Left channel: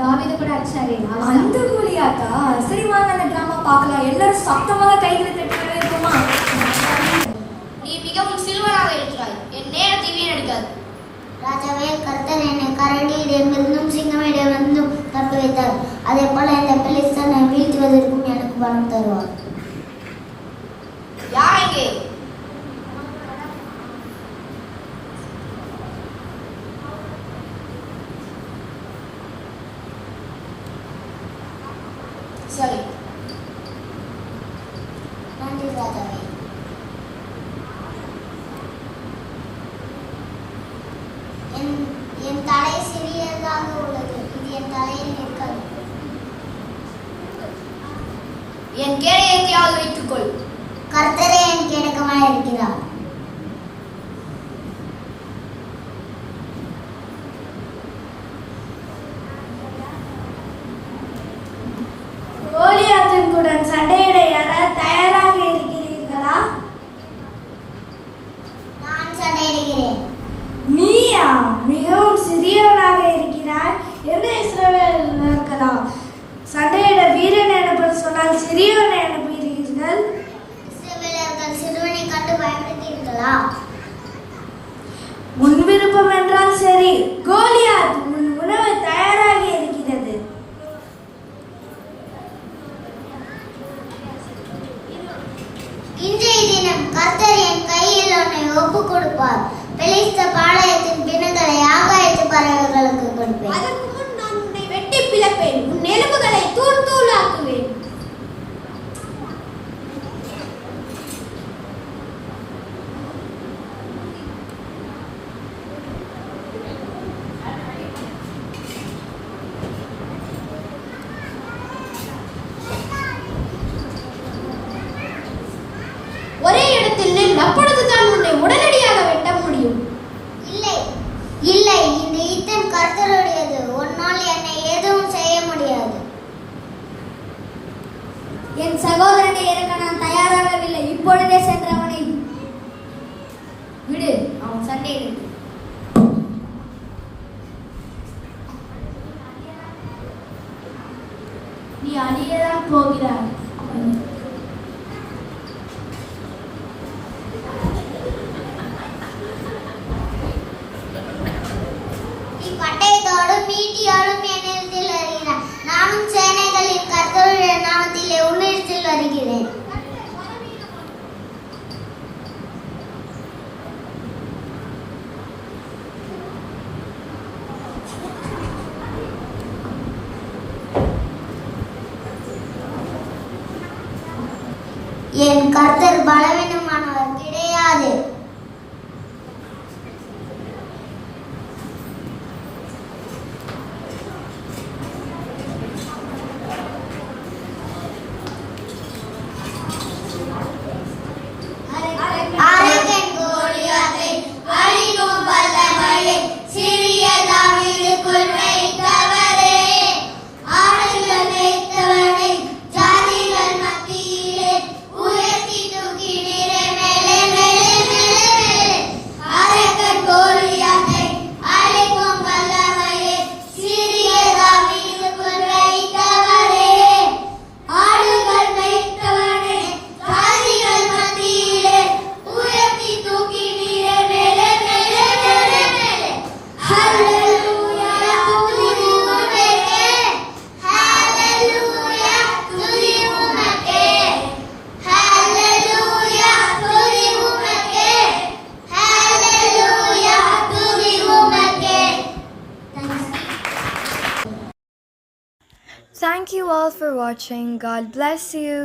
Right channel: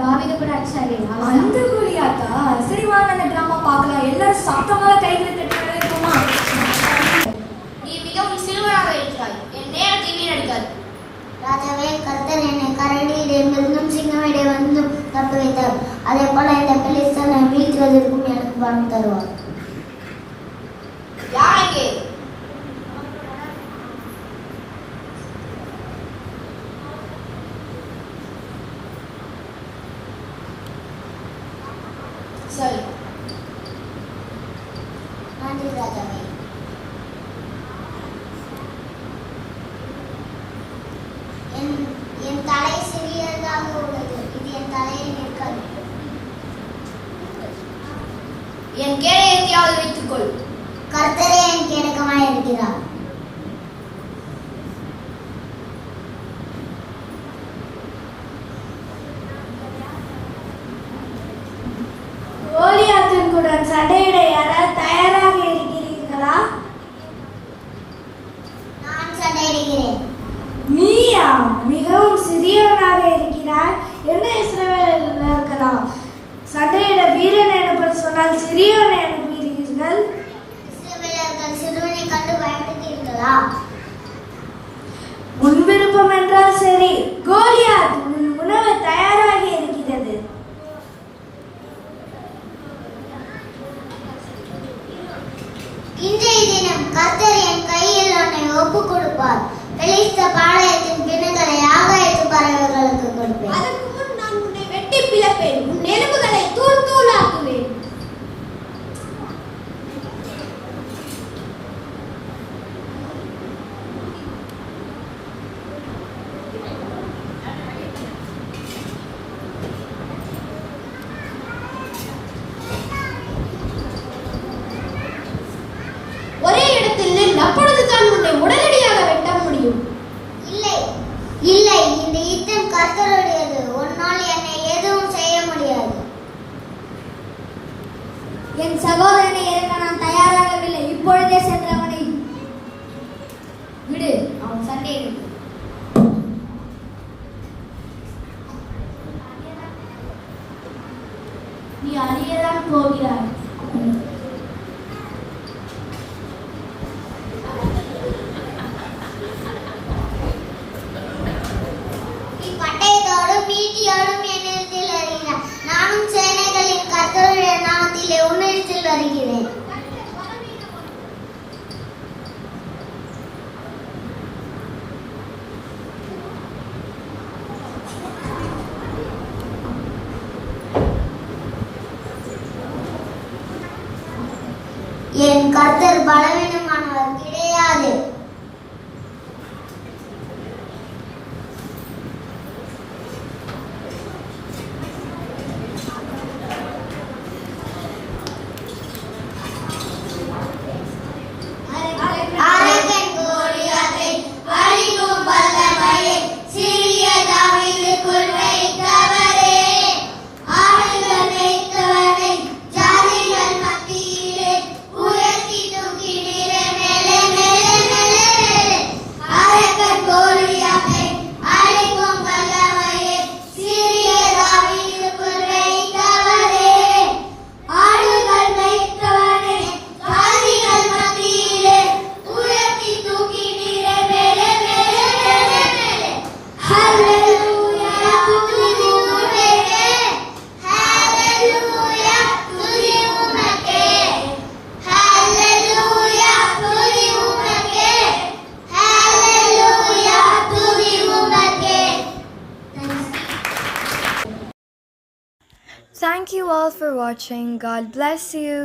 தாவீது கூட அடிச்சாரே அந்த கோலியாத்தா? சரி வாங்க அந்த டிராமா பார்க்கலாம். எல்லாரும் சத்தமாக கைகளை தட்டி கையெழுத்துமா? நீ மிகவும் சிறுவனாக இருக்கிறாய். என் நேரத்தை வீணடிக்காது. ராஜாவே, கர்த்தர் என்னை கரடியிடமிருந்தும் சிங்கமிடமிருந்தும் தப்ப வைத்தார். அதே போல இந்த பெலிஸ்தனை வீழ்த்துவதற்கும் எனக்கு பலம் தருவார். யாருக்கு சரி. நன்றி ராஜாவே. என் தலை சிறியதாக உள்ளது. இது என் தலையில் இருக்காது. என் கேடயத்தையாவது வைத்துக்கொள். கர்த்தரே என் கேடகமாய் இருக்கிறார். கோலியாத்திற்குடன் சண்டையிட யாராவது தயாராக இருக்கிறீர்களா? நான் சண்டையிடுகிறேன். நீயா? மிகவும் சிறியவனாக இருக்கிறாய். என்ன இஸ்ரவேலர்களா? சண்டையிட வீரன் எனப்பட சொன்னால் சிறியவன் எனப்படுகிறீர்கள். இஸ்ரவேலர்கள் சிறுவனை கண்டு பயப்படுத்தீர்களா? உன் விருப்பம் என்றால் சரி. கோலியாத், உன் உணவு தயாராகி இருக்கிறது. இன்றைய தினம் கர்த்தர் என் கையில் உன்னை ஒப்புக் கொடுப்பார். பெலிஸ்த பாளையத்தின் பிணங்களை ஆகாயத்து பறவைகளுக்கு கொடுப்பேன். அதற்கு முன் நான் உன்னை வெட்டி பிளப்பேன். உன் எலும்புகளை தூள் தூளாக்குவேன். ஒரே இடத்தில் நில். அப்பொழுதுதான் உன்னை உடனடியாக வெட்ட முடியும். இல்லை இல்லை, இந்த யுத்தம் கர்த்தருடையது. உன்னால் என்னை எதுவும் செய்ய முடியாது. என் சகோதரனை இறக்க நான் தயாராகவில்லை. இப்பொழுதே சென்று அவனை விடு, அவன் சண்டையிடு. நீ அழியதான் போகிறாய். நீ பட்டயத்தோடும் ஈட்டியோடும் என்னிடத்தில் வருகிறாய். நானும் சேனைகளின் கர்த்தருடைய நாமத்திலே உன்னிடத்தில் வருகிறேன். என் கர்த்தர் பலவீனமானவர் கிடையாது. அரக்கன் கோலியாத்தை அழிக்கும் வல்லமையை சிறிய தாவீதுக்குள் வைத்தவரே, ஆடுகள் வைத்தவனை ஜாதிகள் மத்தியிலே உயர்த்தி தூக்கினீரே. மேலே மேலே மேலே மேலே. அரக்கன் கோலியாத்தை அழிக்கும் வல்லமையை சிறிய தாவீதுக்குள் வைத்தவரே, ஆடுகள் வைத்தவனை ஜாதிகள் மத்தியிலே உயர்த்தி தூக்கினீரே. மேலே மேலே மேலே மேலே. ஹல்லேலூயா, துதி உமக்கே. ஹல்லேலூயா, துதி உமக்கே. ஹல்லேலூயா, துதி உமக்கே. ஹல்லேலூயா, துதி உமக்கே. Thank you all for watching. God bless you.